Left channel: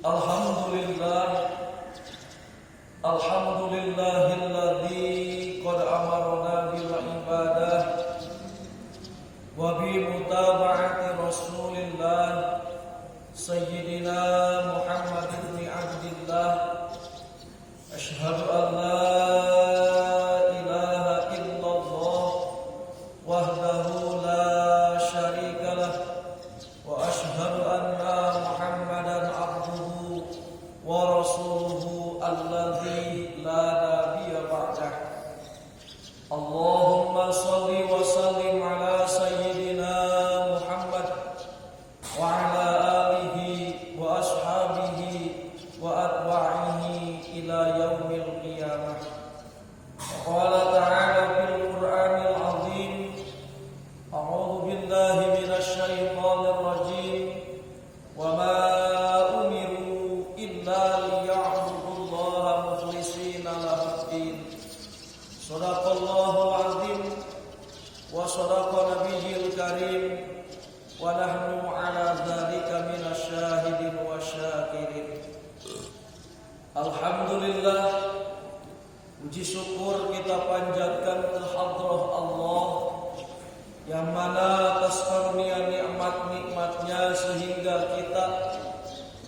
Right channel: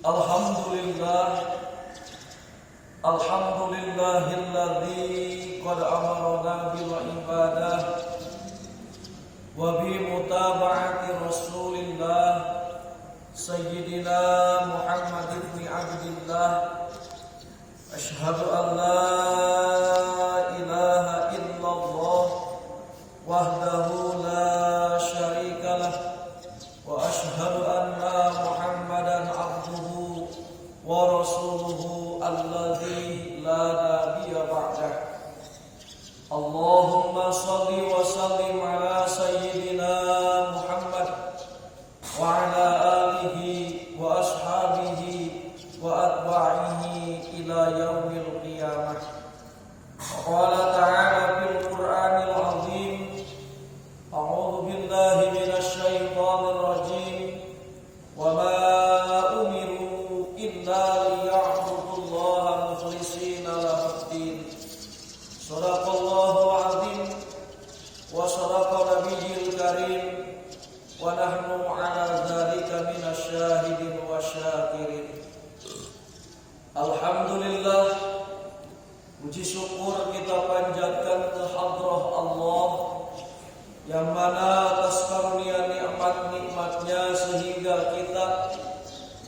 Alhamdulillah, alhamdulillahilladzi qad amarna bil ibadah wa bi mutaba'ati Rasulillah Sayyidina Muhammad ibn Abdillah. Asyhadu an la ilaha illallah wahdahu la syarikalah wa asyhadu anna Muhammadan abduhu wa rasuluhu alladzi la nabiyya ba'dah. Allahumma shalli wa sallim ala sayyidina Muhammad wa ala alihi wa ashabihi wa atba'ihi ila yaumil qiyamah. Qala ta'ala fil Qur'anil 'azim, a'udzu billahi minasy syaithanir rajim, wa ma umiru illa liya'budullaha mukhlishina lahud-din. Shadaqallahul 'azim wa shadaqa nabiyyil karim wa nahnu 'ala dzalika minasy syahidin wa syakirin. Alhamdulillah, puji syukur kita panjatkan ke hadrah Allah yang mana atas karunia nikmat-nikmatnya sehingga kita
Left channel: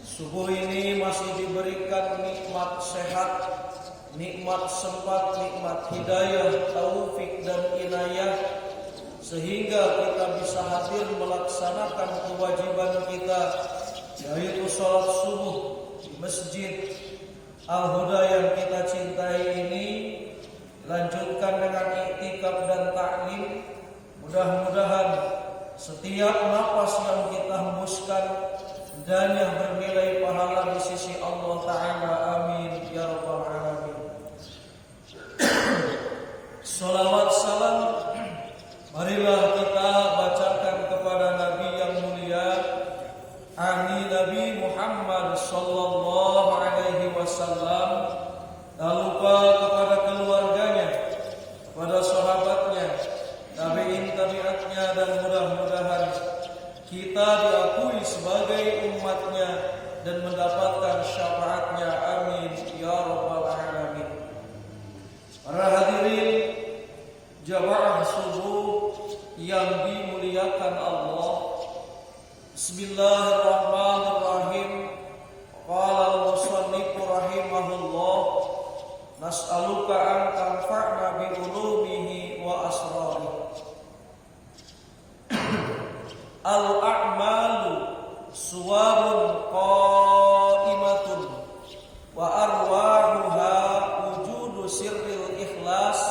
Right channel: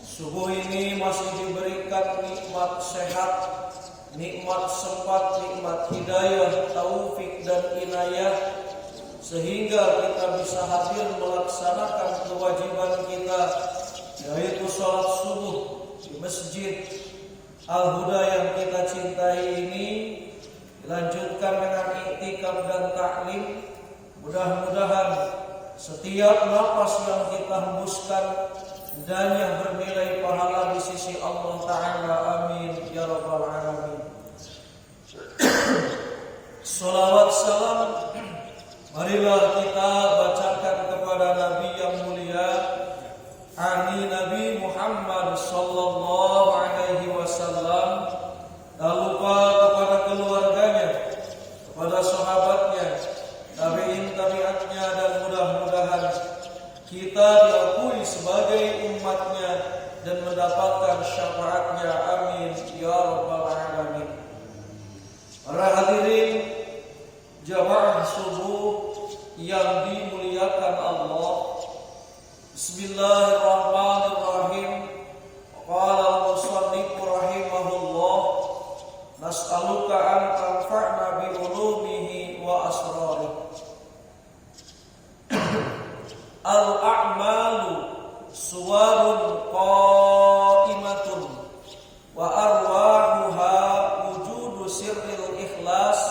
subuh ini masih diberikan nikmat sehat, nikmat sempat, nikmat hidayah, taufik dan inayah, sehingga kita bisa hadir melaksanakan kewajiban kita, yaitu salat subuh di Masjid Al-Huda yang kita cintai ini, dilanjutkan dengan iktikaf dan taklim. Mudah-mudahan setiap napas yang kita hembuskan dan yang bernilai pahala di sisi Allah Ta'ala. Amin ya rabbal alamin. Salawat salam marilah kita bacakan kepada Nabi yang mulia, Nabi Muhammad sallallahu alaihi wasallam. Tak lupa kepada keluarganya, kepada sahabatnya, tabi'in tabi'atnya, dan mudah-mudahan kita diakui sebagai umatnya dan mendapatkan syafaatnya. Amin ya rabbal alamin. Para hadirin jamaah subuh yang dimuliakan Allah, Bismillahirrahmanirrahim. Qala al-musannif rahimahullah, nas'aluka an tanfa'na bi ulumihi wa asrarihi. Al-a'malu suwarun qa'imatun wa arwahuha wujudu sirril ikhlas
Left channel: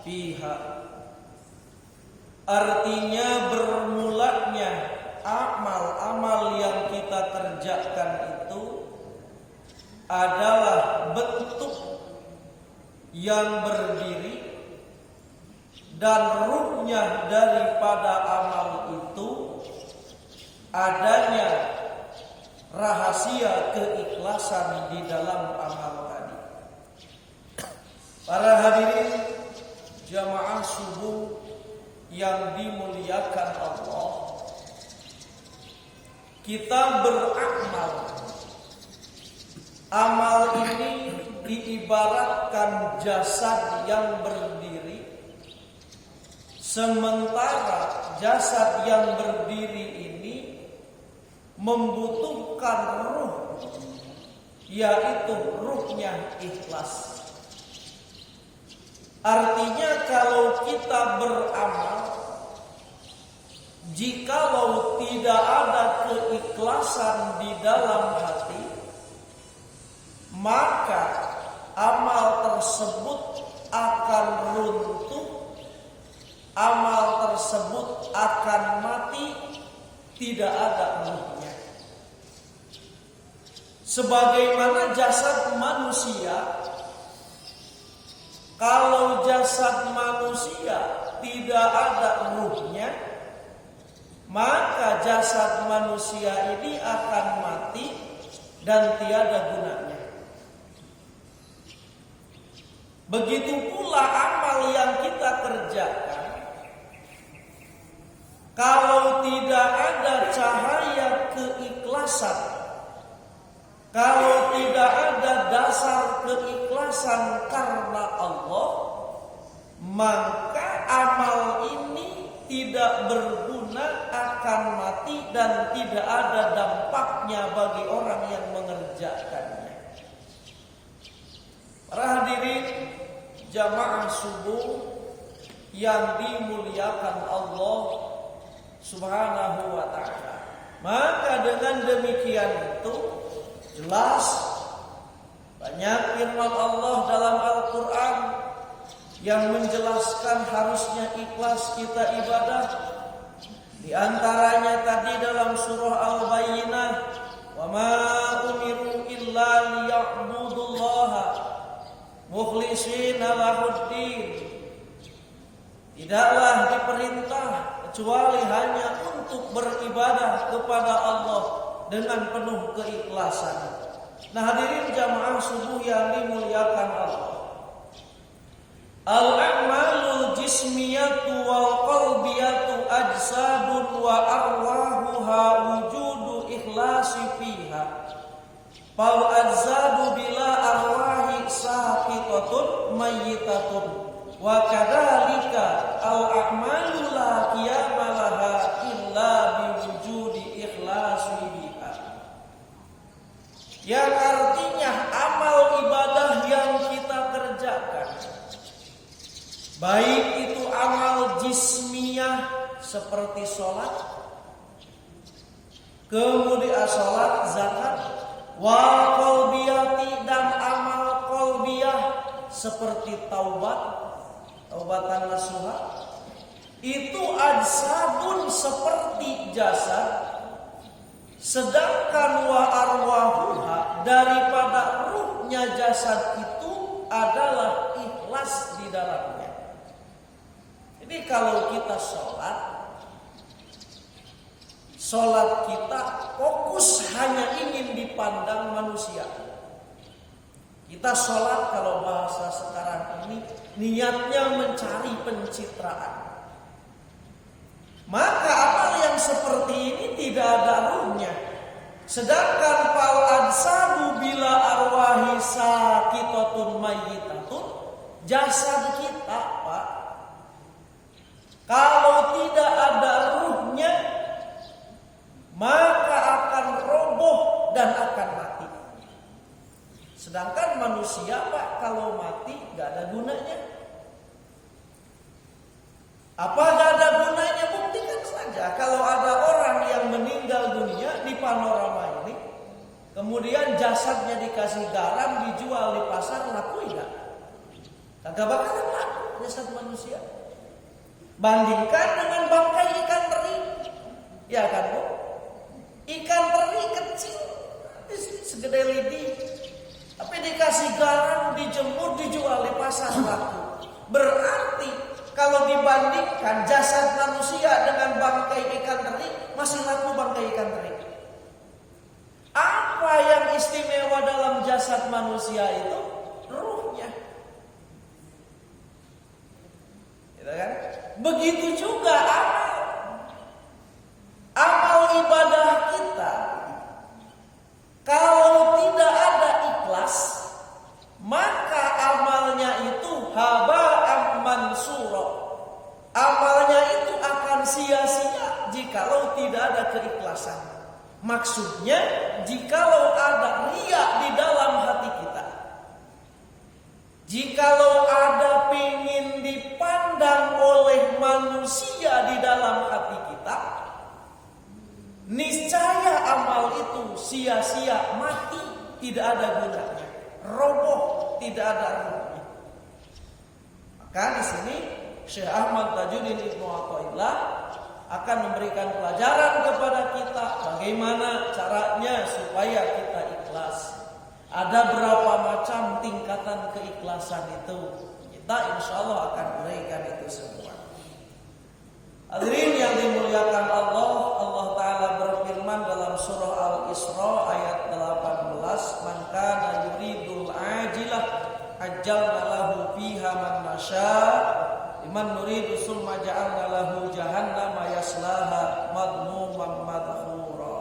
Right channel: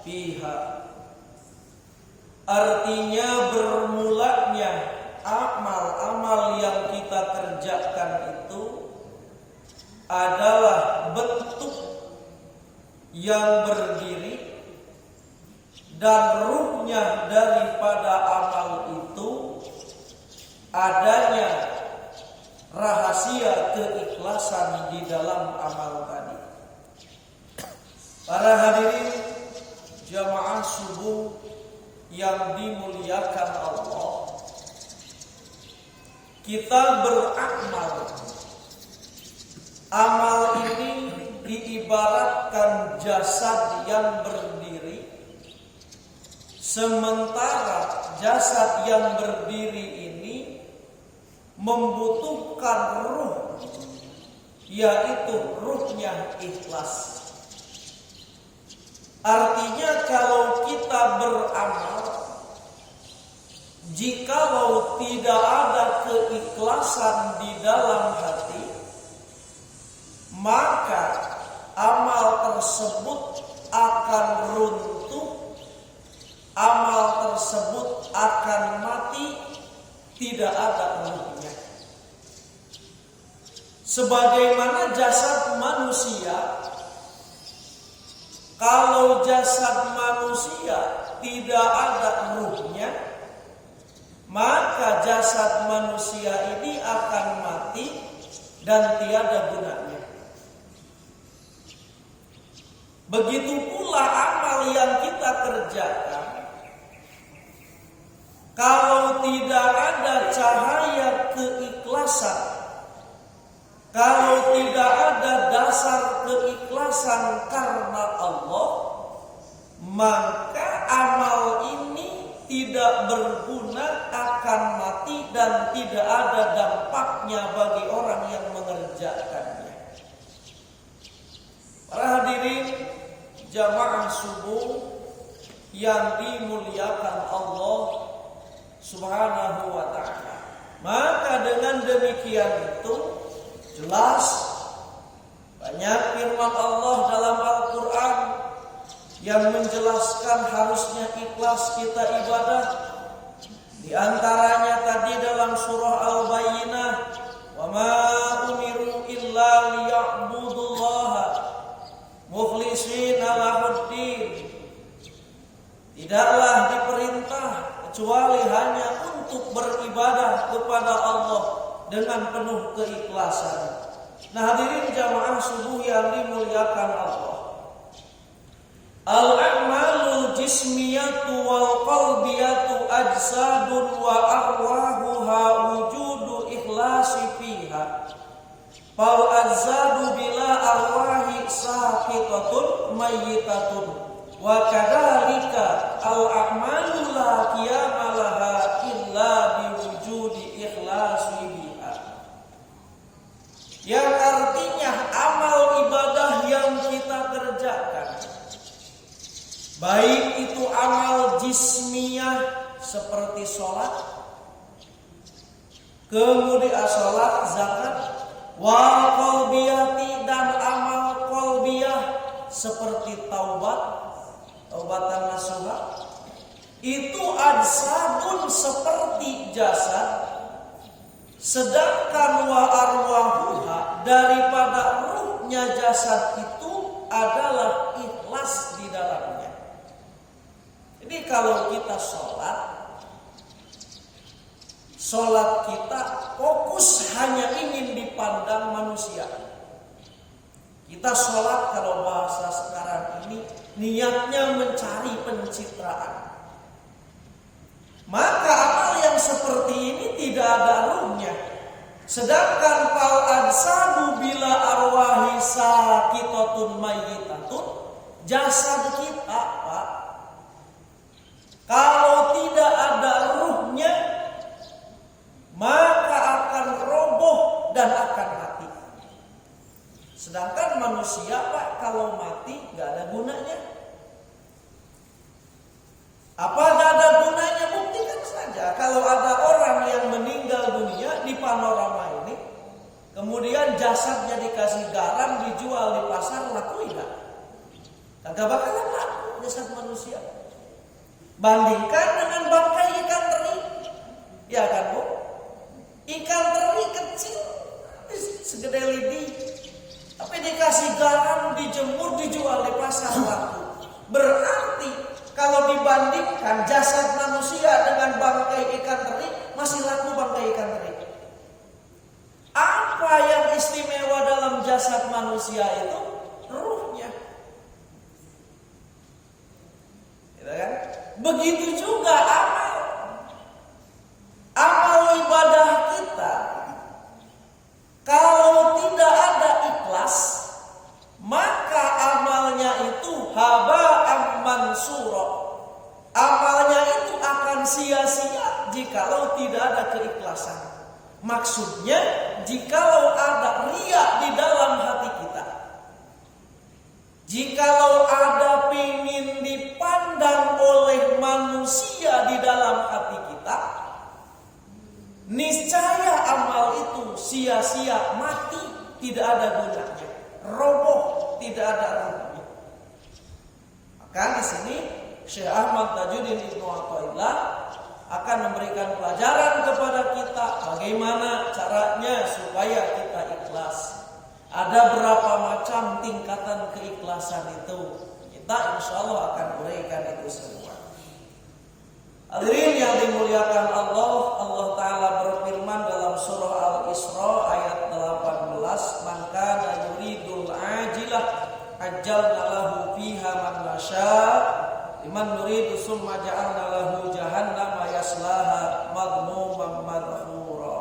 fiha. Artinya bermulanya amal-amal yang kita kerjakan itu adalah bentuk yang berdiri, dan ruhnya daripada amal itu adanya rahasia keikhlasan di dalam amal tadi. Para hadirin jamaah subuh yang dimuliakan Allah, kita beramal. Amal ini diibaratkan jasad yang berdiri, sementara jasad yang berdiri ini membutuhkan ruh, yaitu ruhnya ikhlas. Artinya kalau kita beramal, jikalau tidak ada keikhlasan di dalam hati, maka amal tersebut akan runtuh, amal tersebut akan mati, tidak ada ruhnya. Sebagaimana jasad manusia, kalau jasad manusia tidak ada ruhnya, maka jasad manusia ini akan mati dan tiada gunanya. Begitu pula amal yang kita kerjakan, kalau tidak ada cahaya keikhlasan, dasar keikhlasan karena Allah, maka amal ini tidak berguna, akan mati dan tidak ada dampaknya bagi orang yang mengerjakannya. Para hadirin jamaah subuh yang dimuliakan Allah Subhanahu wa ta'ala, maka dengan demikian itu jelas banyak firman Allah dalam Al-Quran yang menjelaskan harusnya ikhlas kita ibadah. Di antaranya tadi dalam surah Al-Bayyinah, wa ma umiru illa liya'budullaha mukhlishina lahuddin. Tidaklah diperintah kecuali hanya untuk beribadah kepada Allah dengan penuh keikhlasan. Nah, hadirin jamaah subuh yang dimuliakan Allah, al-a'malul jismiyatu wal qalbiyatu ajsadun wa arwahuha wujudu ikhlasi fiha. Fal ajsadu bila arwahi saqitatun mayyitatun wa kadzalika al-a'malu la qiyama laha illa biwujudi ikhlasi biha. Yang artinya amal ibadah yang kita kerjakan, baik itu amal jismiyah seperti sholat, kemudian sholat, zakat, wal qalbiyati dan amal qalbiyah seperti taubatan nasuha, itu ajsadun seperti jasad, sedangkan wa arwahuha daripada ruhnya jasad itu adalah ikhlas di dalamnya. Jadi kalau kita sholat kita fokus hanya ingin dipandang manusia. Kita sholat kalau bahasa sekarang ini niatnya mencari pencitraan. Maka amal yang seperti ini tidak ada ruhnya. Sedangkan fal ajsadu bila arwahi saqitatun mayyitatun, jasad kita, Pak, kalau tidak ada ruhnya maka akan roboh dan akan mati. Sedangkan manusia, Pak, kalau mati gak ada gunanya. Apa gak ada gunanya? Buktikan saja kalau ada orang yang meninggal dunia di panorama ini, kemudian jasadnya dikasih garam dijual di pasar, laku enggak? Kagak bakalan laku jasad manusia. Bandingkan dengan bangkai ikan teri, ya kan, Bu? Ikan teri kecil segede lidi, tapi dikasih garam, dijemur, dijual di pasar, laku. Berarti kalau dibandingkan jasad manusia dengan bangkai ikan teri, masih laku bangkai ikan teri. Apa yang istimewa dalam jasad manusia itu? Ruhnya. Gitu kan? Begitu juga amal ibadah kita, kalau tidak ada ikhlas, maka amalnya itu haba'an mansura. Amalnya itu akan sia-sia jikalau tidak ada keikhlasan. Maksudnya jikalau ada riya di dalam hati kita, jikalau ada pingin dipandang oleh manusia di dalam hati kita, niscaya amal itu sia-sia, mati, tidak ada gunanya, roboh, tidak ada ruhnya. Maka di sini Syekh Ahmad Tajuddin Ibnu Athaillah akan memberikan pelajaran kepada kita bagaimana caranya supaya kita ikhlas. Ada berapa macam tingkatan keikhlasan itu? Kita insya Allah akan berikan itu semua. Hadirin yang dimuliakan Allah, Allah Ta'ala berfirman dalam surah Al-Isra ayat 18, "Man kana yuridul ajilah ajjalna lahu fiha man nasya' liman nuridu summa ja'alna lahu jahannama yaslaha madmuman madhura."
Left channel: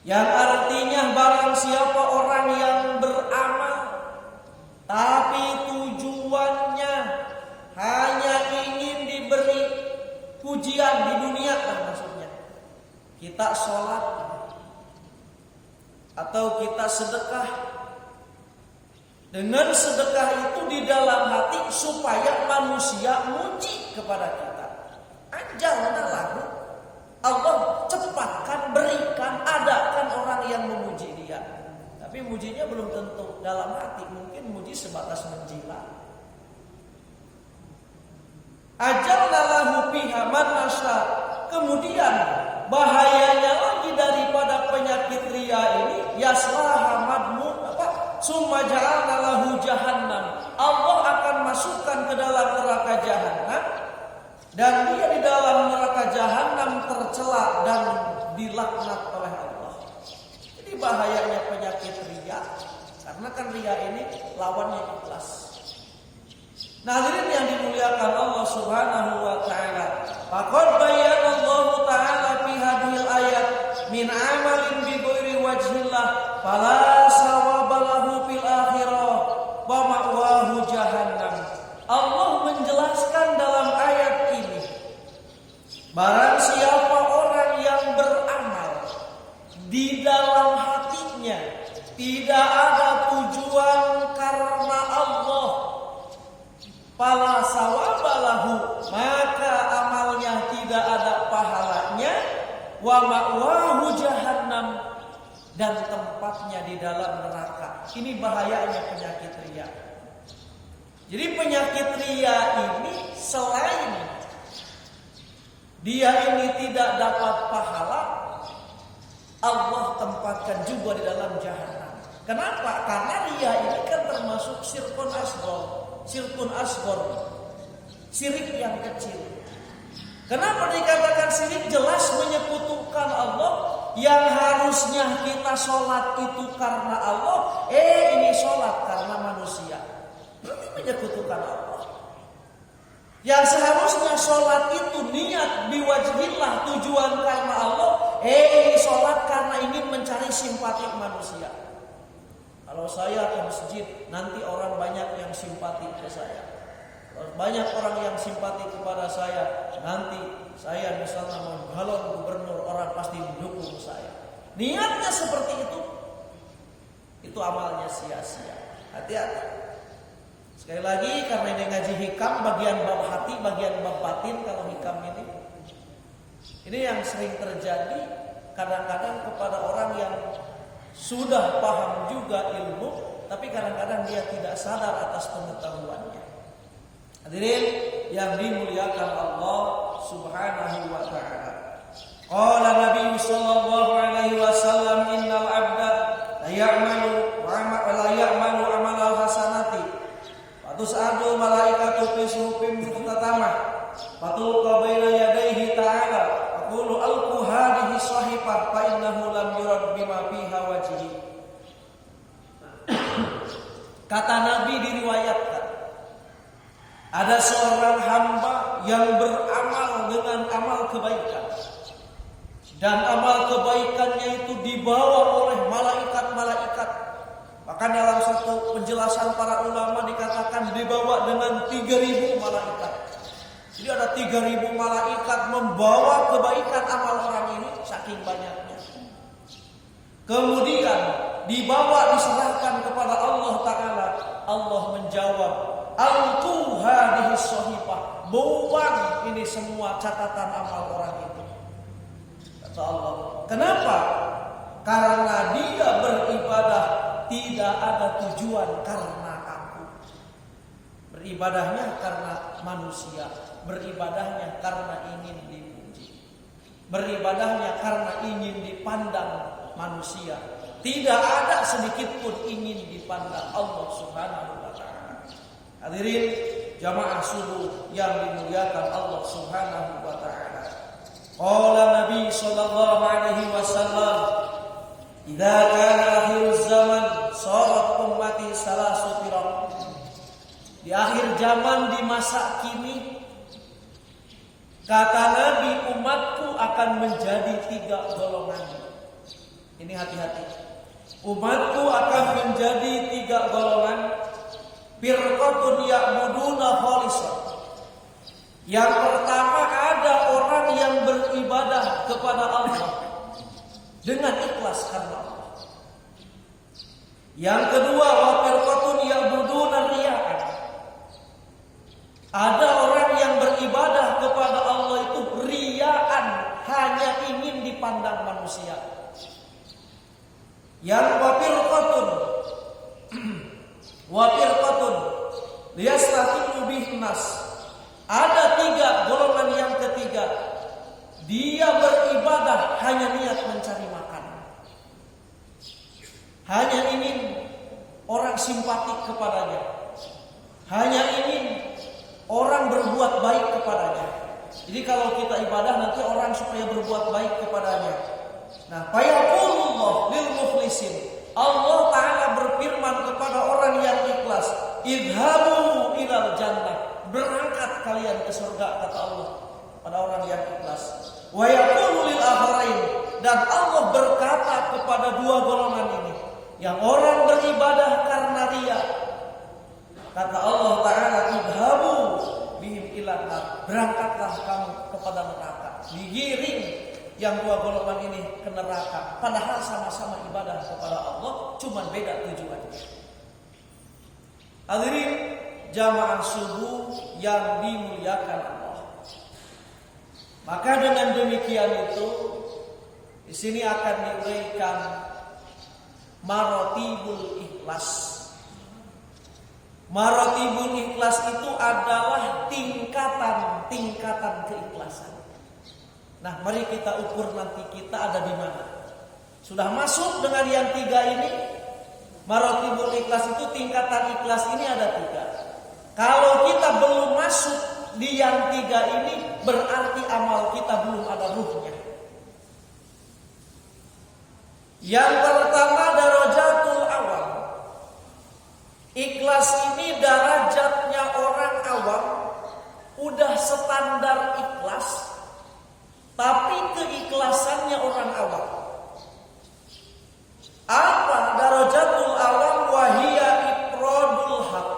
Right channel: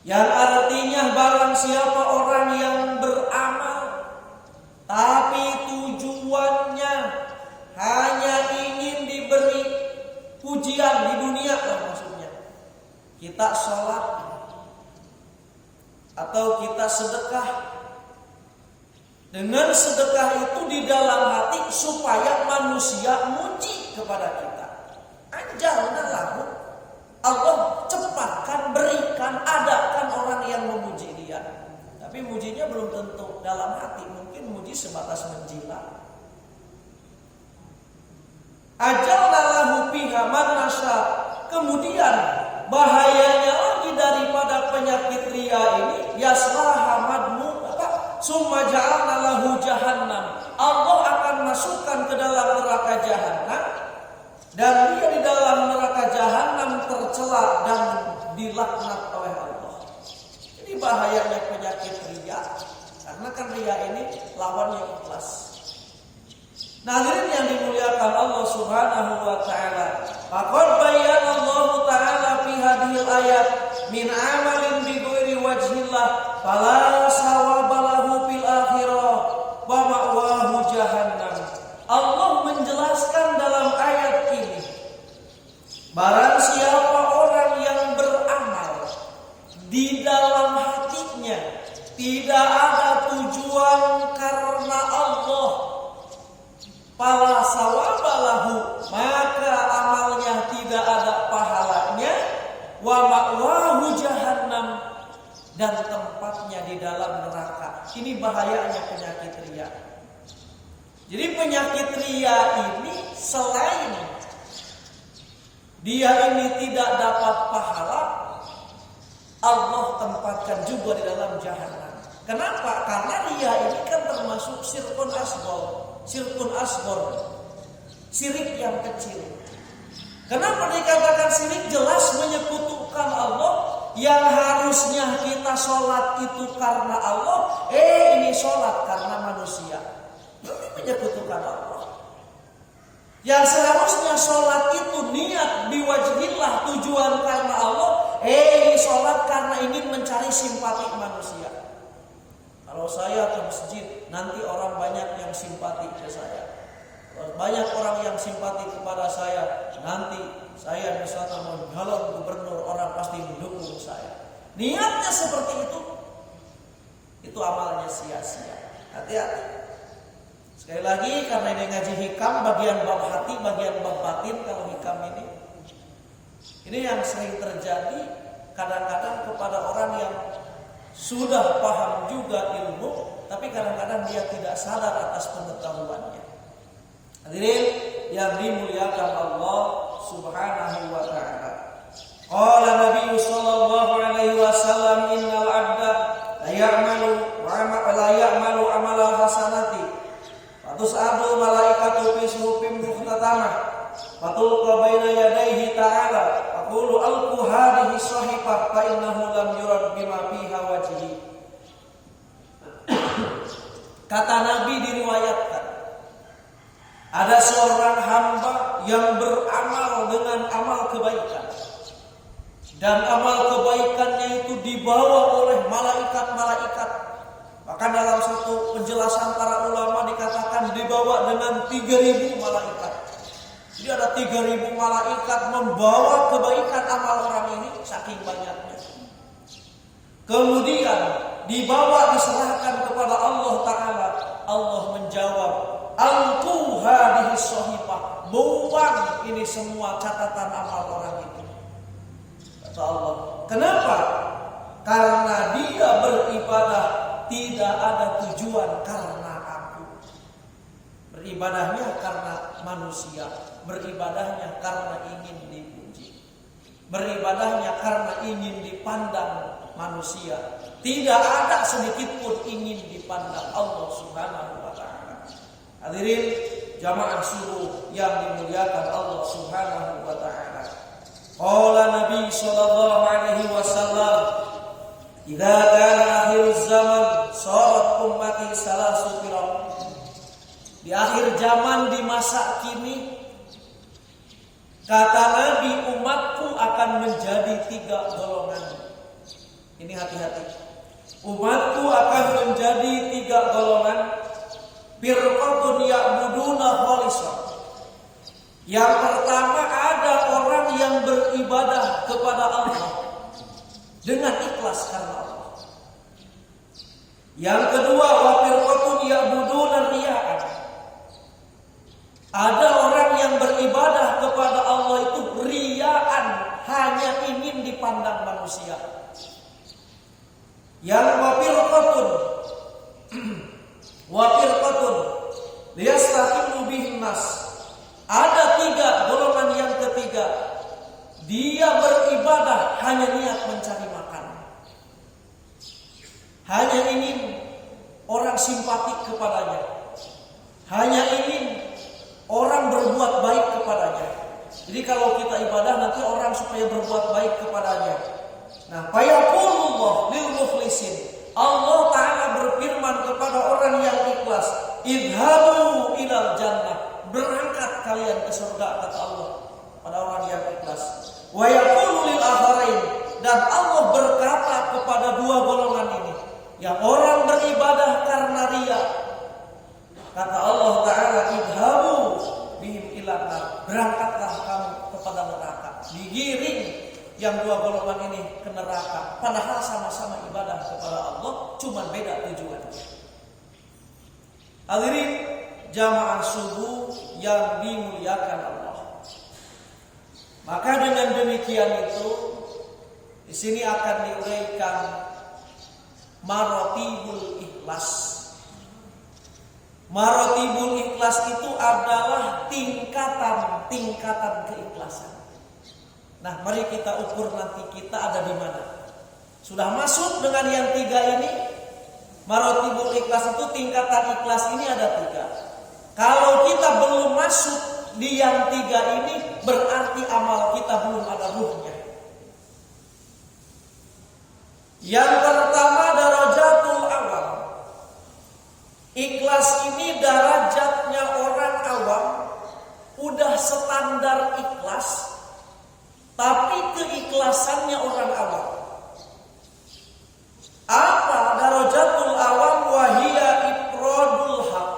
Yang artinya barang siapa orang yang beramal pujian di dunia lah maksudnya. Kita sholat atau kita sedekah. Dengan sedekah itu di dalam hati supaya manusia muji kepada kita. Ajalna lahu. Allah cepatkan, berikan, adakan orang yang memuji dia. Tapi mujinya belum tentu dalam hati, mungkin muji sebatas menjilat. Ajalna lahu fiha man nasya. Kemudian bahayanya lagi daripada penyakit ria ini, yaslaha madmu summa ja'alna lahu jahannam. Allah akan masukkan ke dalam neraka jahannam dan dia di dalam neraka jahannam tercela dan dilaknat oleh Allah. Jadi bahayanya penyakit ria, karena kan ria ini lawannya ikhlas. Nah, hadirin yang dimuliakan Allah Subhanahu wa taala, faqad bayyana Allah taala fi hadhil ayat min amalin bi ghairi wajhillah fala sawabalahu fil akhirah wa ma'wahu jahannam. Allah menjelaskan dalam ayat ini, barang siapa orang yang beramal di dalam hatinya tidak ada tujuan karena Allah, fala sawabalahu, maka amalnya tidak ada pahalanya, wa ma'wahu jahannam, dan tempatnya di dalam neraka. Ini bahayanya penyakit ria. Jadi penyakit ria ini selain dia ini tidak dapat pahala, Allah tempatkan juga di dalam jahannam. Kenapa? Karena ria ini kan termasuk syirkun asghar, syirik yang kecil. Kenapa dikatakan syirik? Jelas menyekutukan Allah. Yang harusnya kita sholat itu karena Allah, ini sholat karena manusia, berarti menyekutukan Allah. Yang seharusnya sholat itu niat biwajhillah, tujuan karena Allah, ini sholat karena ingin mencari simpati manusia. Kalau saya ke masjid, nanti orang banyak yang simpati ke saya. Kalau banyak orang yang simpati kepada saya, nanti saya misalnya mau nyalon gubernur, orang pasti mendukung saya. Niatnya seperti itu amalnya sia-sia. Hati-hati. Sekali lagi, karena ini ngaji hikam, bagian bab hati, bagian bab batin. Kalau hikam ini yang sering terjadi kadang-kadang kepada orang yang sudah paham juga ilmu, tapi kadang-kadang dia tidak sadar atas pengetahuannya. Hadirin yang dimuliakan Allah Subhanahu wa taala. Qala Nabi sallallahu alaihi wasallam, innal 'abda la ya'malu amalal hasanati fatus'adu malaikatu fi suhufin mukhtatamah fatulqa baina yadayhi ta'ala faqulu alqu hadhihi sahifah fa innahu lam yurad bima fiha wajhi. Kata Nabi, diriwayatkan ada seorang hamba yang beramal dengan amal kebaikan, dan amal kebaikannya itu dibawa oleh malaikat-malaikat. Bahkan dalam satu penjelasan para ulama dikatakan dibawa dengan 3.000 malaikat. Jadi ada 3.000 malaikat membawa kebaikan amal orang ini, saking banyaknya. Kemudian dibawa, diserahkan kepada Allah Ta'ala. Allah menjawab, alqu hadhihi shahifah, buang ini semua catatan amal orang itu. Kata Allah, kenapa? Karena dia beribadah tidak ada tujuan karena aku. Beribadahnya karena manusia, beribadahnya karena ingin dipuji, beribadahnya karena ingin dipandang manusia. Tidak ada sedikit pun ingin dipandang Allah Subhanahu wa taala. Hadirin jamaah subuh yang dimuliakan Allah Subhanahu wa taala. Qala Nabi sallallahu alaihi wasallam, "Idza kana akhiruz zaman sarat ummati salasu firaq." Di akhir zaman, di masa kini, kata Nabi, umatku akan menjadi 3 golongan. Ini hati-hati. Umatku akan menjadi 3 golongan. Firqatun ya'buduna khalisah. Yang pertama, ada orang yang beribadah kepada Allah dengan ikhlas karena Allah. Yang kedua, wa firqatun ya'buduna riya'an. Ada orang yang beribadah kepada Allah itu riya'an, hanya ingin dipandang manusia. Yang wa firqatun liyastaqimu bihin nas. Ada tiga golongan. Yang ketiga, dia beribadah hanya niat mencari makan, hanya ingin orang simpatik kepadanya, hanya ingin orang berbuat baik kepadanya. Jadi kalau kita ibadah nanti orang supaya berbuat baik kepadanya. Nah, fayaqulullah lil mukhlisin. Allah Ta'ala berfirman kepada orang yang ikhlas, idhabu ilal jannah. Berangkat kalian ke surga, kata Allah pada orang yang ikhlas. Wa yaqulu lil akharain. Dan Allah berkata kepada dua golongan ini, yang orang beribadah karena riya, kata Allah Ta'ala, idhabu bihim ilan nar. Berangkatlah kamu kepada neraka. Digiring yang dua golongan ini ke neraka. Padahal sama-sama ibadah kepada Allah, cuman beda tujuannya. Hadirin jamaah subuh yang dimuliakan Allah. Maka dengan demikian itu, di sini akan diuraikan marotibul ikhlas. Marotibul ikhlas itu adalah tingkatan keikhlasan. Nah, mari kita ukur nanti kita ada di mana. Sudah masuk dengan yang tiga ini. Marotibul ikhlas itu, tingkatan ikhlas ini ada tiga. Kalau kita belum masuk di yang tiga ini, berarti amal kita belum ada ruhnya. Yang pertama, darajatul awam. Ikhlas ini derajatnya orang awam, udah standar ikhlas, tapi keikhlasannya orang awam. Apa darajatul awam? Wahia ifradul haq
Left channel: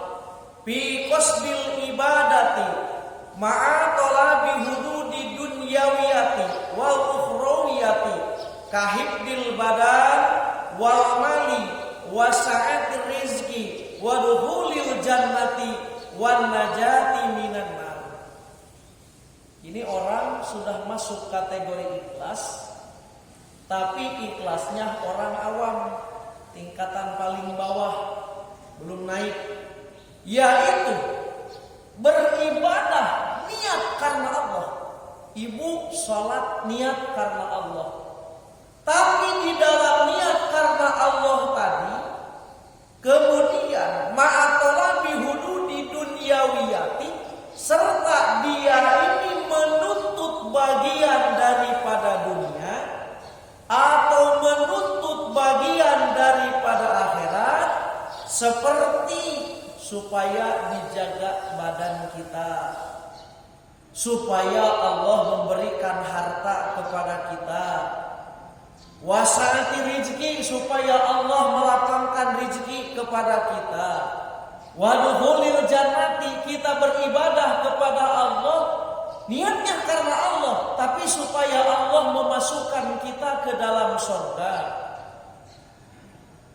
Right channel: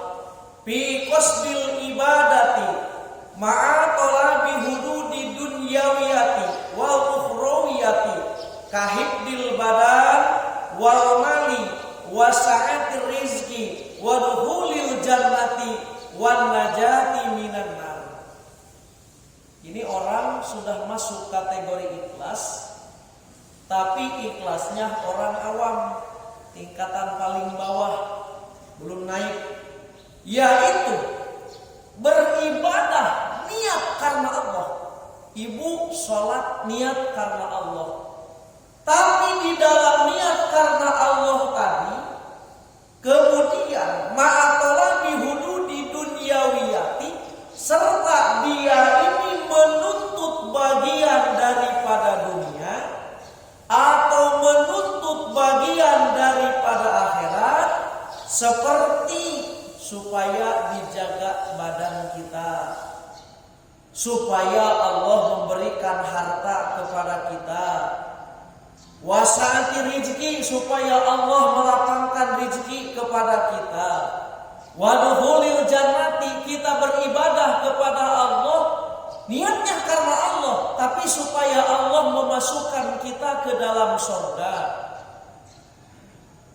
fi qasdil ibadati ma'a talabi hududi dunyawiyati wal ukhrawiyati kahibdil badan wal mali wa sa'atir rizki wa dukhulil jannati wan najati minan nar. Ini orang sudah masuk kategori ikhlas, tapi ikhlasnya orang awam, tingkatan paling bawah, belum naik. Yaitu beribadah niat karena Allah. Ibu sholat niat karena Allah. Tapi di dalam niat karena Allah tadi, kemudian ma'atolabi hududi dunyawiyati, serta dia ini menuntut bagian daripada dunia atau menuntut bagian daripada akhirat, seperti supaya dijaga badan kita, supaya Allah memberikan harta kepada kita, wasati rizki, supaya Allah melapangkan rizki kepada kita, waduhulil jannati, kita beribadah kepada Allah, niatnya karena Allah, tapi supaya Allah memasukkan kita ke dalam surga.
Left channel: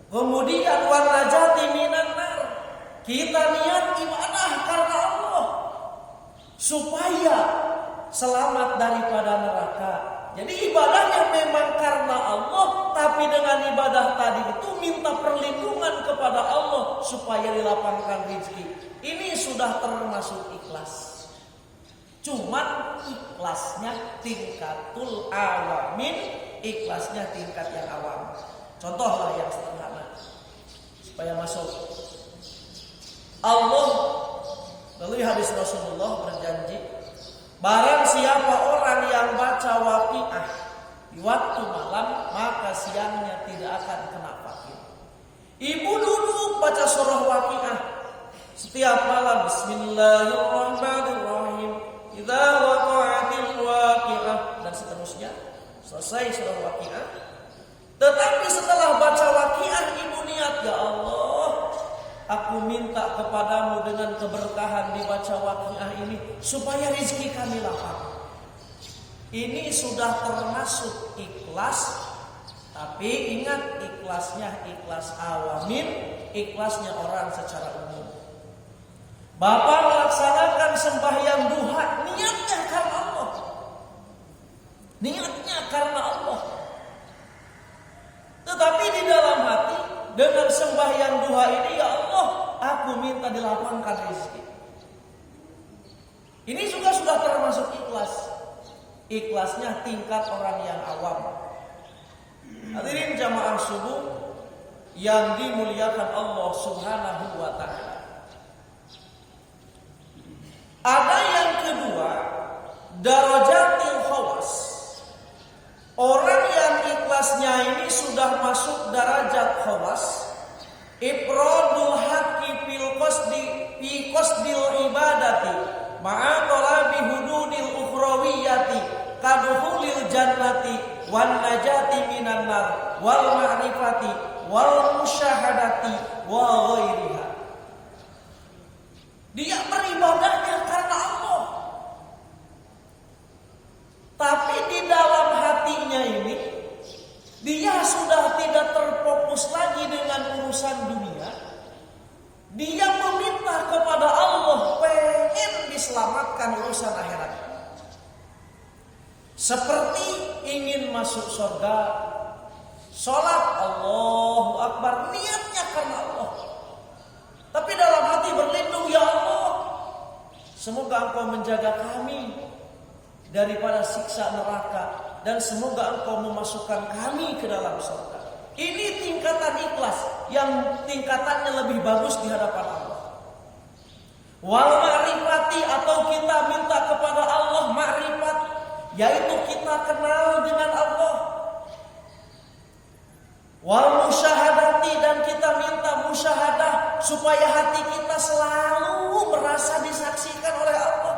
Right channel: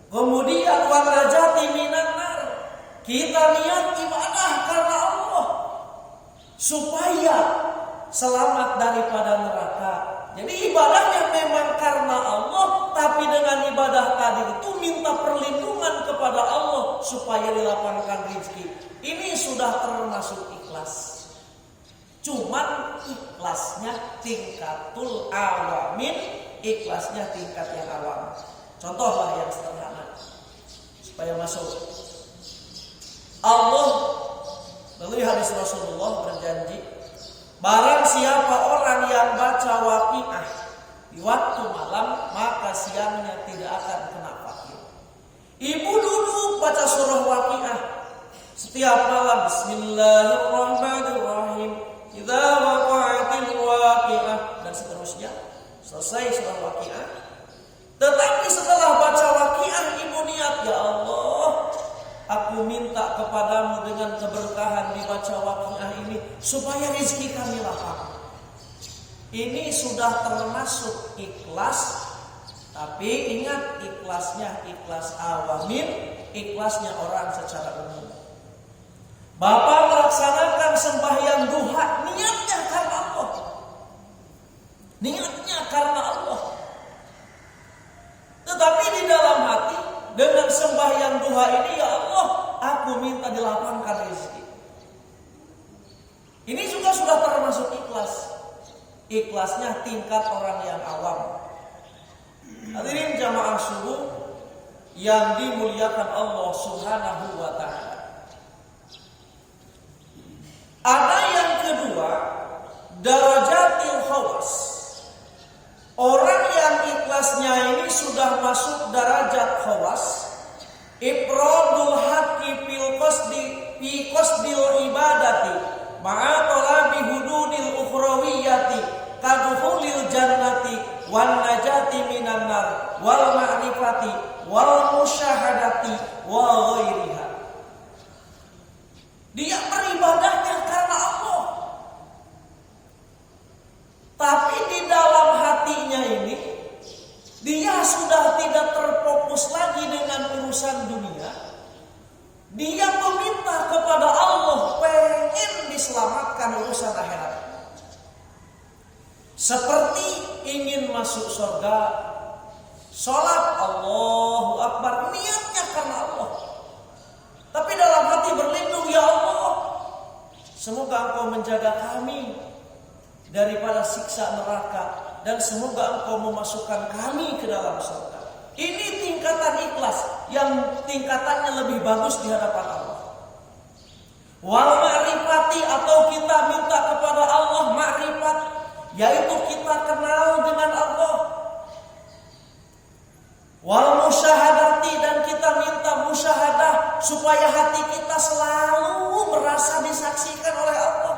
Kemudian wan najati minan nar, kita niat ibadah karena Allah supaya selamat daripada neraka. Jadi ibadahnya memang karena Allah, tapi dengan ibadah tadi itu minta perlindungan kepada Allah supaya dilapangkan rezeki. Ini sudah termasuk ikhlas. Cuman ikhlasnya tingkatul awamin, ikhlasnya tingkat yang awam. Contohlah yang sederhana supaya masuk. Allah melalui hadis Rasulullah berjanji, barang siapa orang yang baca waqiah di waktu malam, maka siangnya tidak akan kena fakir. Ibu duduk baca surah waqiah setiap malam, bismillahirrahmanirrahim, idza waqa'atil waqiah, dan seterusnya. Selesai surah waqiah. Tetapi setelah baca waqiah, ibu niat, ya Allah, aku minta kepadamu dengan keberkahan dibaca waqiah ini supaya rezeki kami lapang. Ini sudah termasuk ikhlas. Tapi ingat, ikhlasnya ikhlas awamin, ikhlasnya orang secara umum. Bapak melaksanakan sembahyang duha, niatnya karena Allah. Niatnya karena Allah. Tetapi di dalam hati, dengan sembahyang duha ini, ya Allah, aku minta dilapangkan rezeki. Ini juga sudah termasuk ikhlas. Ikhlasnya tingkat orang yang awam. Hadirin jamaah subuh yang dimuliakan Allah Subhanahu wa ta'ala. Ada yang kedua, darajatil khawas. Orang yang ikhlasnya ini sudah masuk derajat khawas. Ifradul haqqi fi qasdil ibadati ma'a talabi hududil ukhrawiyati kadukhulil jannati wan najati minan nar wal ma'rifati wal musyahadati wa ghairiha. Dia beribadahnya karena Allah. Tapi di dalam hatinya ini dia sudah tidak terfokus lagi dengan urusan dunia. Dia meminta kepada Allah pengen diselamatkan urusan akhirat. Seperti ingin masuk surga, sholat Allahu Akbar, niatnya karena Allah. Tapi dalam hati berlindung, ya Allah, semoga Engkau menjaga kami daripada siksa neraka, dan semoga Engkau memasukkan kami ke dalam surga. Ini tingkatan ikhlas yang tingkatannya lebih bagus di hadapan Allah. Wal ma'rifati, atau kita minta kepada Allah ma'rifat, yaitu kita kenal dengan Allah. Wal musyahadati, dan kita minta musyahadah supaya hati kita selalu merasa disaksikan oleh Allah.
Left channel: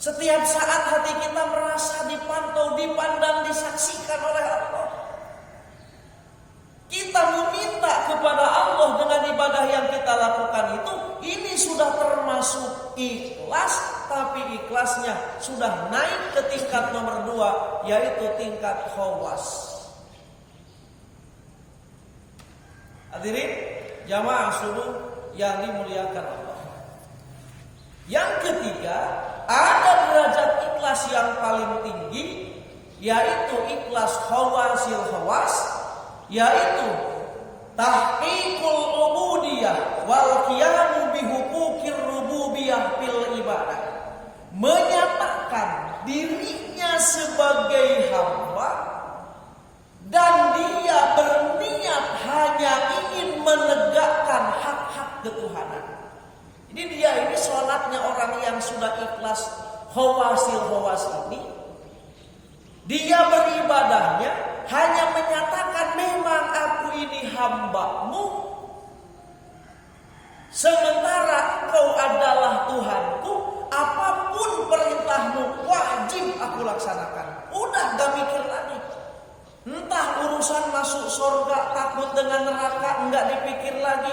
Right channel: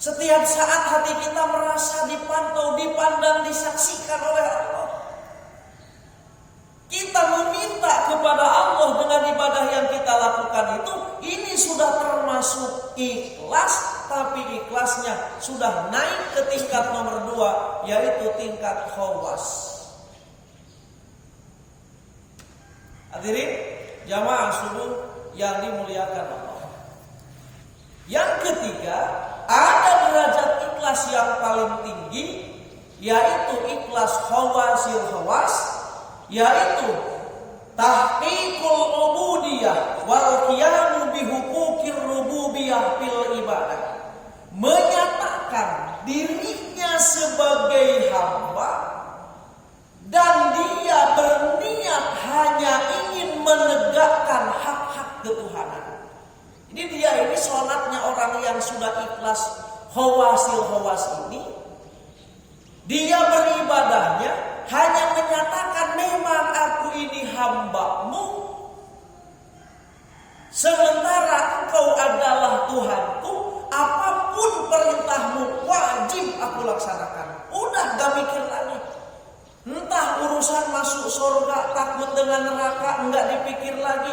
Setiap saat hati kita merasa dipantau, dipandang, disaksikan oleh Allah. Kita meminta kepada Allah dengan ibadah yang kita lakukan itu, ini sudah termasuk ikhlas, tapi ikhlasnya sudah naik ke tingkat nomor 2, yaitu tingkat khawas. Hadirin jamaah subuh yang dimuliakan Allah. Yang ketiga, ada derajat ikhlas yang paling tinggi, yaitu ikhlas khawasil khawas, yaitu tahqiqul ubudiyah wal qiyamu bi huquqir rububiyah fil ibadah. Menyatakan dirinya sebagai hamba dan dia berniat hanya ingin menegakkan hak-hak ketuhanan. Jadi dia ini sholatnya orang yang sudah ikhlas khawasil khawas ini. Dia beribadahnya hanya menyatakan memang aku ini hamba-Mu, sementara Engkau adalah Tuhanku, apapun perintah-Mu wajib aku laksanakan. Udah gak mikir lagi. Entah urusan masuk surga, takut dengan neraka, enggak dipikir lagi.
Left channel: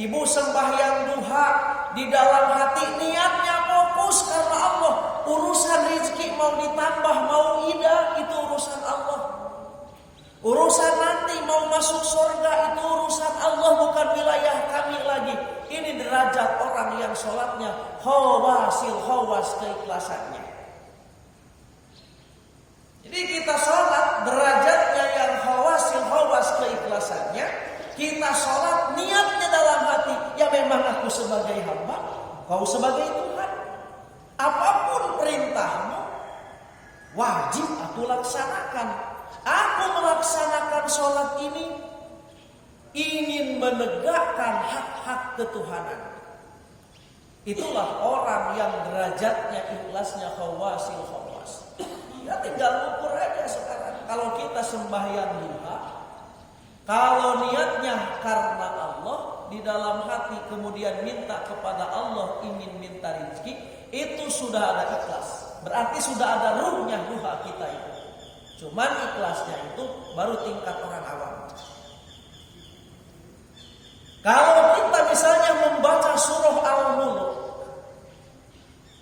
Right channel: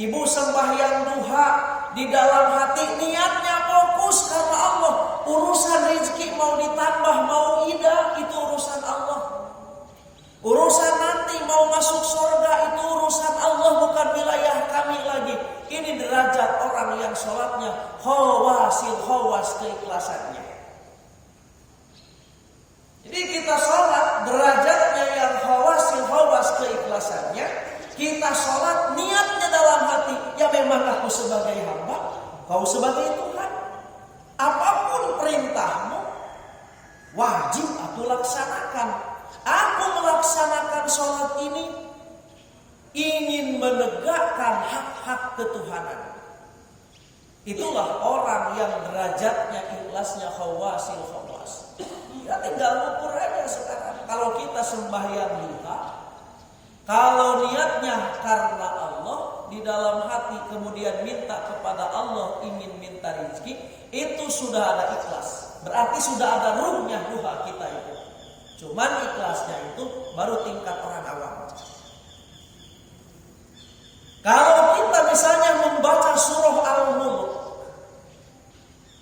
Ibu sembahyang duha, di dalam hati niatnya fokus karena Allah. Urusan rezeki mau ditambah, mau ida, itu urusan Allah. Urusan nanti mau masuk surga, itu urusan Allah, bukan wilayah kami lagi. Ini derajat orang yang sholatnya khawasil khawas keikhlasannya. Jadi kita sholat derajatnya yang khawasil khawas keikhlasannya. Kita sholat niatnya dalam hati, ya memang aku sebagai hamba, kau sebagai Tuhan. Apapun perintah-Mu wajib aku laksanakan. Aku melaksanakan sholat ini ingin menegakkan hak-hak ketuhanan. Itulah orang yang derajatnya ikhlasnya khawasil khawas. Ya tinggal ukur aja sekarang. Kalau kita sembahyang duha, kalau niatnya karena Allah, di dalam hati kemudian minta kepada Allah, ingin minta rezeki, itu sudah ada ikhlas. Berarti sudah ada ruhnya duha kita itu. Cuman ikhlasnya itu baru tingkat orang awam. Kalau kita misalnya membaca surah Al-Mulk,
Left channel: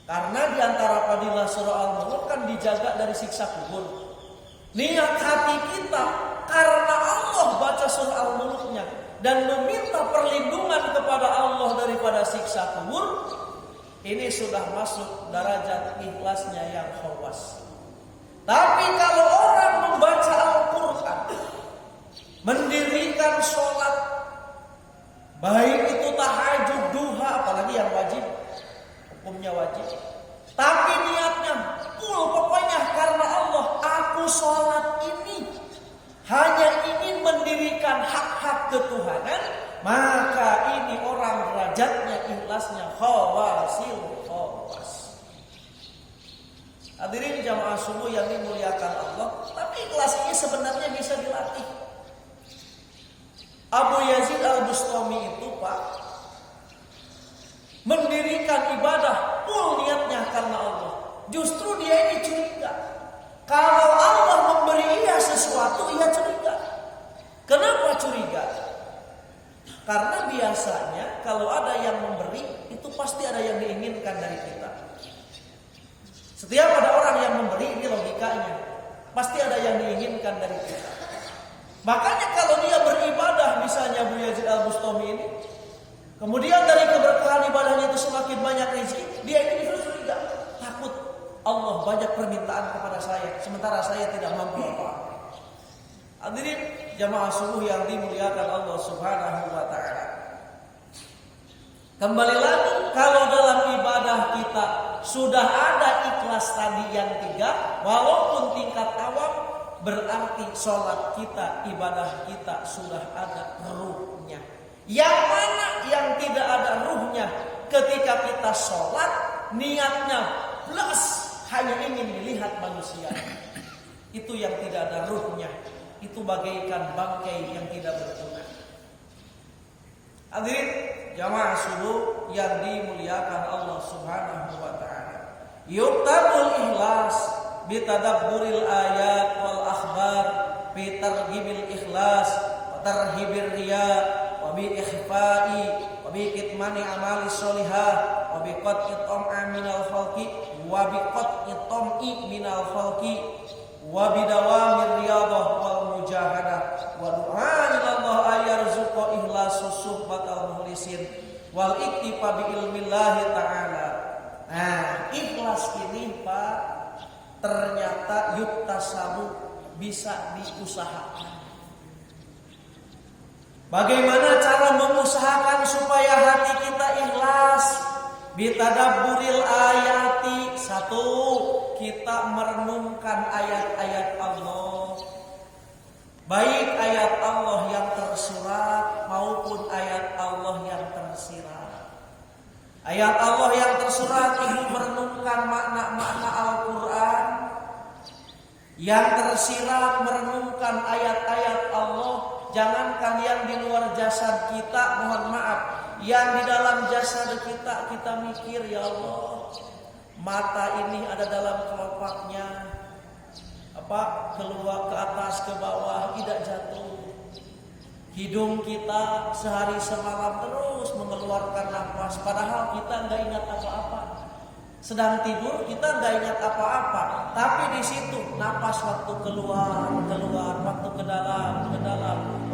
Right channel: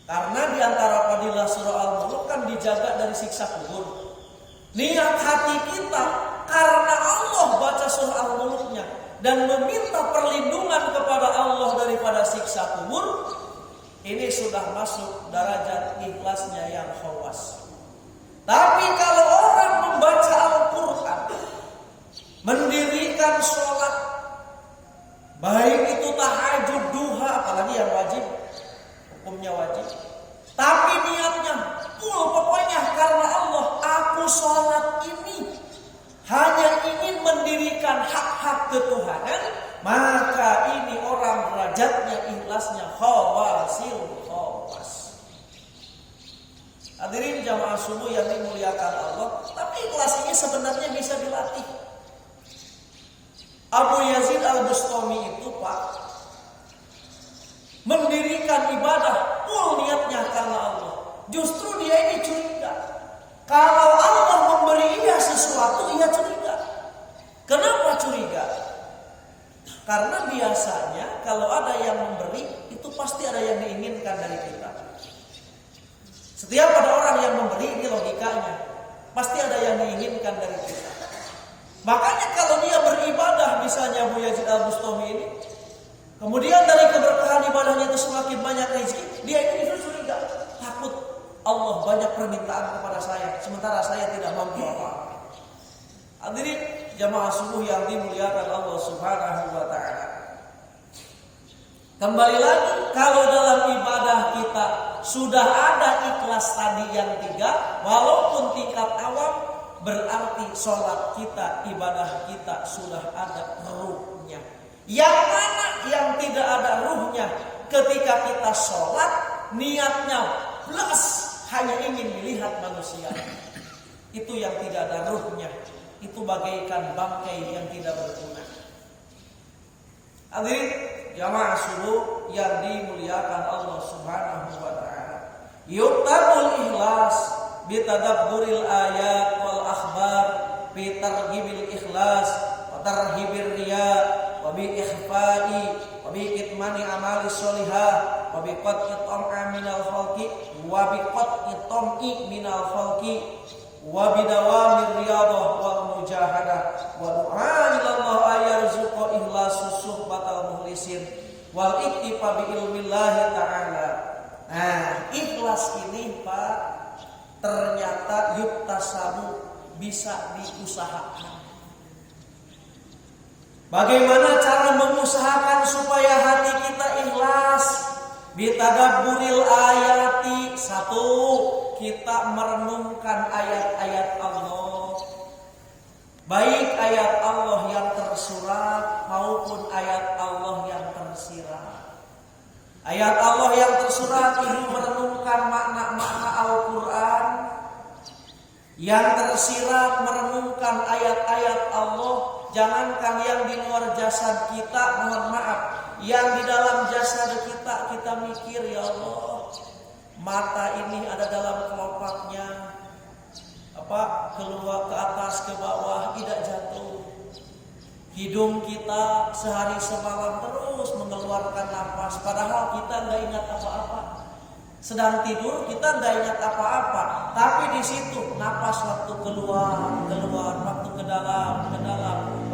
karena di antara fadilah surah Al-Mulk kan dijaga dari siksa kubur. Niat hati kita karena Allah baca surah Al-Mulknya dan meminta perlindungan kepada Allah daripada siksa kubur, ini sudah masuk derajat ikhlasnya yang khawas. Tapi kalau orang membaca Al-Quran, mendirikan sholat, baik itu tahajud, duha, apalagi yang wajib, hukumnya wajib, tapi niatnya pokoknya karena Allah, aku sholat ini hanya ingin mendirikan hak-hak ketuhanan, maka ini orang derajatnya ikhlasnya khawasil khawas. Hadirin jamaah subuh yang dimuliakan Allah, tapi ikhlas ini sebenarnya bisa dilatih. Abu Yazid Al-Bustami itu Pak, mendirikan ibadah full niatnya karena Allah. Justru dia ini curiga. Kalau Allah memberi ia sesuatu, ia curiga. Kenapa curiga? Karena biasanya kalau ada yang memberi, itu pasti ada yang diinginkan dari kita. Setiap ada orang yang memberi, ini logikanya, pasti ada yang diinginkan dari kita. Makanya kalau dia beribadah, misalnya Abu Yazid Al-Bustami ini, kemudian dari keberkahan ibadahnya itu semakin banyak rezeki, dia ini justru curiga, takut Allah banyak permintaan kepada saya, sementara saya tidak mampu apa-apa. Hadirin jamaah subuh yang dimuliakan Allah Subhanahu wa taala. Kembali lagi, kalau dalam ibadah kita sudah ada ikhlas tadi yang 3, walaupun tingkat awam, berarti sholat kita, ibadah kita sudah ada ruhnya. Yang mana yang tidak ada ruhnya? Ketika kita sholat, niatnya plus hanya ingin melihat manusia. Itu yang tidak ada ruhnya. Itu bagaikan bangkai yang tidak berguna. Hadirin jamaah subuh yang dimuliakan Allah Subhanahu wa taala. Yuktabul ikhlas bitadabburil ayat wal akhbar, bi targhibil ikhlas wa tarhibir riya, wa bi ikhfa'i wa bi kitmani amali sholihah, wa bi qat'i tam'a minal khalqi, wa bi qat'i tam'i minal khalqi, wa bidawamir riyadah wal mujahadah, wa du'a ilallah ayarzuqa ikhlasus suhbatal mukhlisin wal iktifa bi ilmillahi ta'ala. Nah, ikhlas ini Pak, ternyata yuktasabu, bisa diusahakan. Bagaimana cara mengusahakan supaya hati kita ikhlas? Bitadabburil ayati. 1, kita merenungkan ayat-ayat Allah. Baik ayat Allah yang tersurat maupun ayat Allah yang tersirat. Ayat Allah yang tersurat ini merenungkan makna-makna Al-Quran. Yang tersirat merenungkan ayat-ayat Allah. Jangankan yang di luar jasad kita, mohon maaf, yang di dalam jasad kita, kita mikir, ya Allah, mata ini ada dalam kelopaknya, keluar ke atas ke bawah tidak jatuh. Hidung kita sehari semalam terus mengeluarkan napas, padahal kita nggak ingat apa-apa. Sedang tidur kita nggak ingat apa-apa, tapi di situ napas waktu keluar, waktu ke dalam,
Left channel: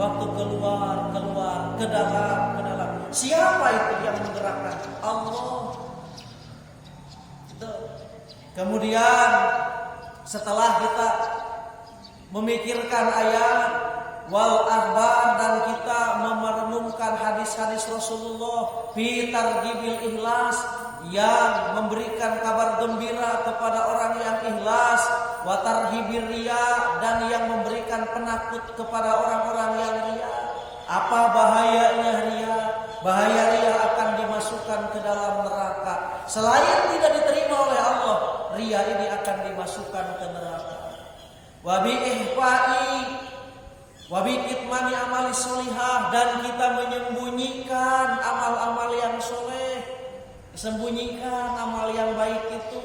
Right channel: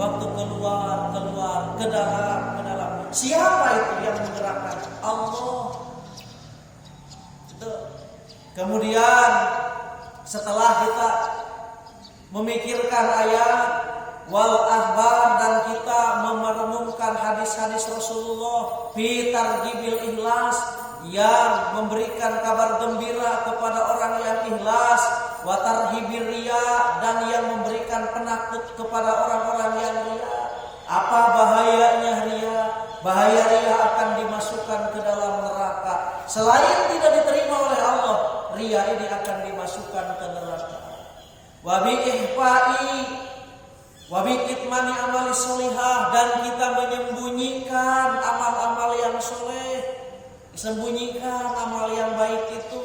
waktu keluar, ke dalam. Siapa itu yang menggerakkan? Allah. Itu. Kemudian setelah kita memikirkan ayat wal akhbar dan kita merenungkan hadis-hadis Rasulullah fi targhibil ikhlas, yang memberikan kabar gembira kepada orang yang ikhlas, wa tarhibir riya, dan yang memberikan penakut kepada orang-orang yang riya. Apa bahayanya riya? Bahaya riya akan dimasukkan ke dalam neraka. Selain tidak diterima oleh Allah, riya ini akan dimasukkan ke neraka. Wa bi ihfa'i wa bi kitmani amali sholihah, dan kita menyembunyikan amal-amal yang soleh. Disembunyikan amal yang baik itu,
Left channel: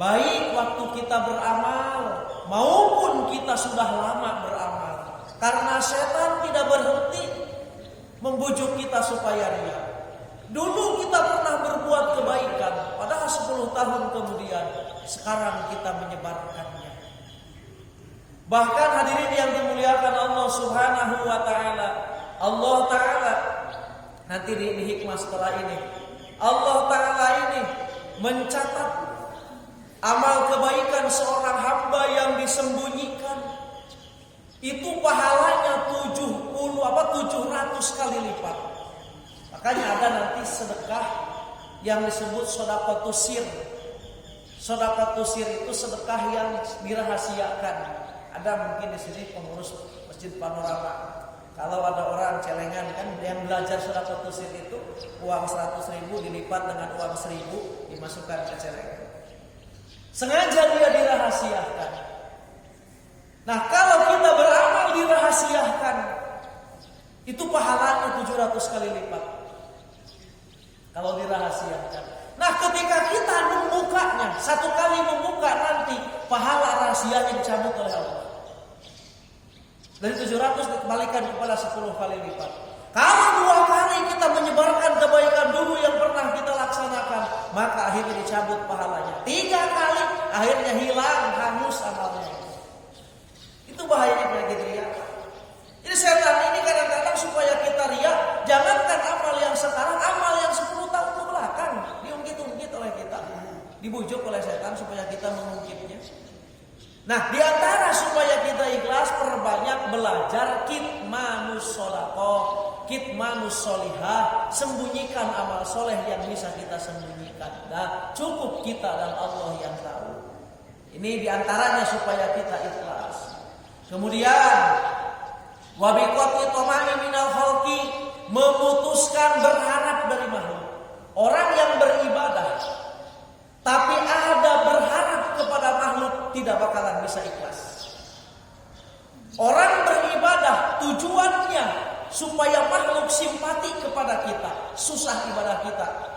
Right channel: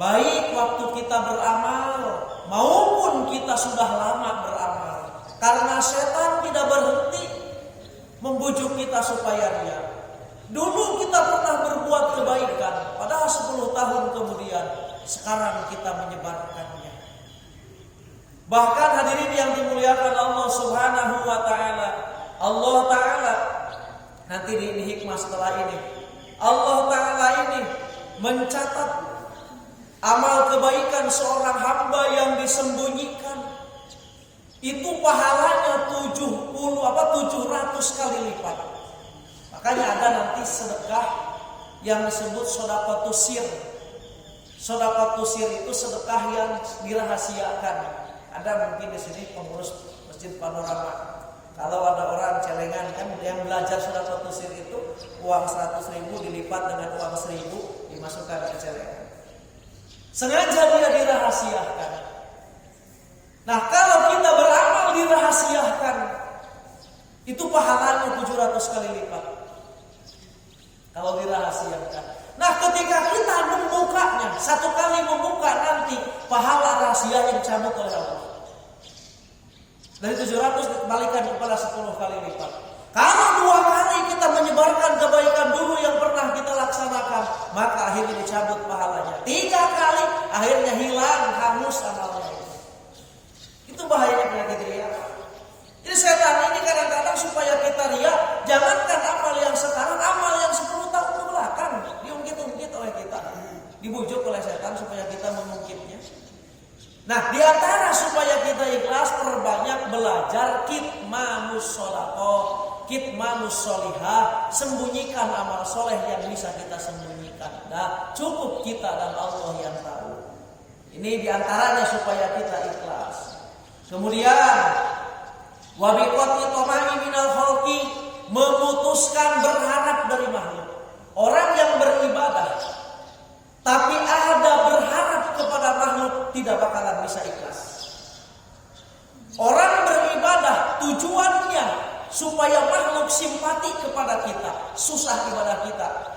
baik waktu kita beramal maupun kita sudah lama beramal. Karena setan tidak berhenti. membujuk kita supaya ria. Dulu kita pernah berbuat kebaikan, padahal 10 tahun kemudian sekarang kita menyebarkannya. Bahkan hadirin yang dimuliakan Allah Subhanahu wa taala, Allah taala nanti di hikmah setelah ini, Allah taala ini mencatat amal kebaikan seorang hamba yang disembunyikan itu pahalanya 700 kali lipat. Makanya ada nanti sedekah yang disebut sedekatus sir. Sedekatus sir itu sedekah yang dirahasiakan. Ada mungkin di sini pengurus Masjid Panorama. Kalau ada orang celengan kan yang belajar sedekatus sir itu uang 100.000 dilipat dengan uang 1.000 dimasukkan ke celengan. Sengaja dia dirahasiakan. Nah, kalau kita beramal dirahasiakan, itu pahalanya 700 kali lipat. Kalau dirahasiakan. Nah, ketika kita membukanya, satu kali membuka nanti pahala rahasianya dicabut oleh Allah. Dari 700 dikembalikan kepada 10 kali lipat. Kalau 2 kali kita menyebarkan kebaikan dulu yang pernah kita laksanakan, maka akhirnya dicabut pahalanya. 3 kali akhirnya hilang, hangus amalnya itu. Itu bahayanya penyakit riya. Jadi setan ini kadang-kadang supaya kita riya, jangankan amal yang sekarang, amal yang 10 tahun ke belakang diungkit-ungkit oleh kita, dibujuk oleh setan supaya kita mengungkitnya. Nah, diantara supaya kita ikhlas, perbanyak belajar kitmanus sholaqah, kitmanus sholihah, sembunyikan amal soleh yang bisa kita sembunyikan. Nah, cukup kita dan Allah yang tahu. Ini diantaranya supaya kita ikhlas. Kemudian wabiqati tamai minal khalqi, memutuskan berharap dari makhluk. Orang yang beribadah tapi ada berharap kepada makhluk tidak bakalan bisa ikhlas. Orang beribadah tujuannya supaya makhluk simpati kepada kita, susah ibadah